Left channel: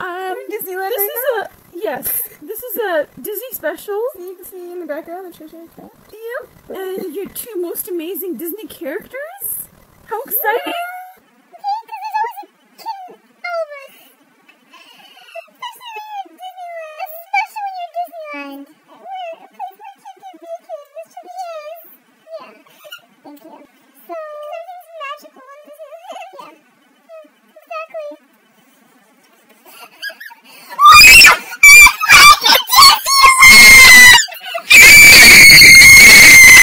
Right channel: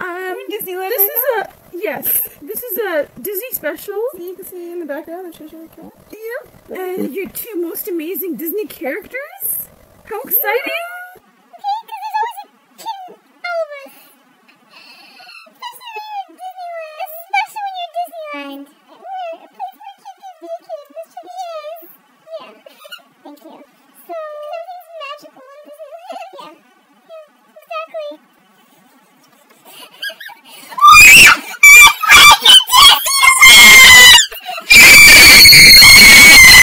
I'm in Disneyland. This is a Disney special. See, you can see in the background the Cheshire Cat. Yeah. And your two most amazing Disney characters. How exciting! Especially in Disneyland.